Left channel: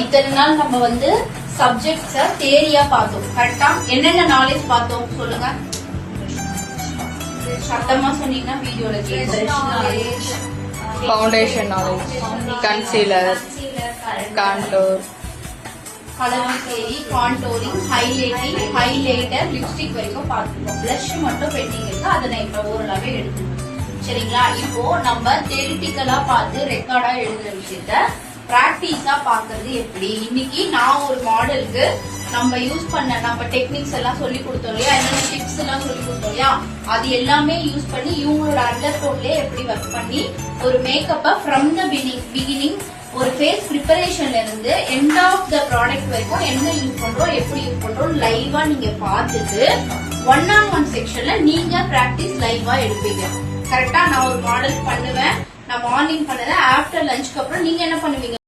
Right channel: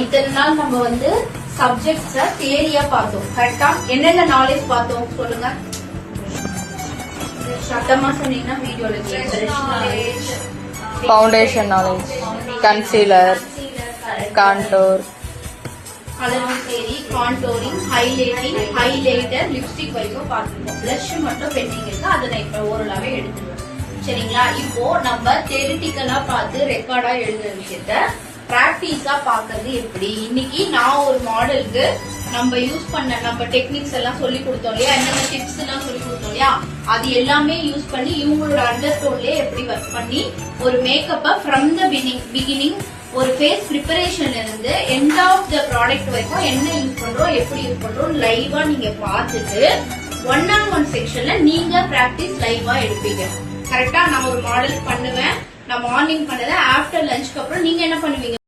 இத்தனை நாள் நம்ம வந்து சப்ஜெக்ட்ஸ தியரியா பார்த்தோம். கரெக்டா? என்னென்ன நாலேஜ் பார்த்தோம் சொல்லுங்க. சத்தமா சொன்னீங்கன்னா வீடியோல foundation knowledge, concealer, contour, colour theory, contouring, highlighting, highlighter, lipstick வரைக்கும் பார்த்துருக்கோம். பிளஷ் மட்டும் பெண்டிங் இருக்கு, அதை நான் இப்ப ஓரளவே எடுத்துருவேன். சரிங்களா? இப்போ நம்ம தியரிட்டிக்கலா பார்த்து ரெக்கார்டா எழுதுற விஷயத்த பிராக்டிஸா பாக்குறது எப்படி? இன்னைக்கு நான் ஒரு மாடலுக்கு நம்ம யூஸ் பண்ண நம்ம டெக்னிக்ஸ் எல்லாம் சொல்லி கொடுத்தோம் இல்லையா, என்னென்ன டிப்ஸ் எல்லாம் சொல்லி கொடுத்தோம் இல்லையா, அது எல்லாமே யூஸ் பண்ணி இவங்களோட அண்டர் கோட்லயே எப்படி ஒர்க் பண்ணி ஒரு மேக்கப்ப ஃப்ரம் த பிகினிங் ஒரு ஃபேஸ் ப்ரிப்பரேஷன்ல இருந்து எண்ட் ஆஃப் த ப்ராடக்ட் வரைக்கும் என்ன யூஸ் பண்றோம், எப்படி யூஸ் பண்றோம் லைவா நீங்க பார்த்துட்டு 1-on-1 செக்ஷன்ல நீங்க பிராக்டிஸ் லைவா எடுப்பீங்க. கரெக்டா? நான் ஒரு மாடல் பண்ணுவேன், நான் மார்னிங் பண்ணுவேன், ஆஃப்டர் லஞ்சுக்கு அப்புறம் நீங்க என்ன பண்ணுவீங்க?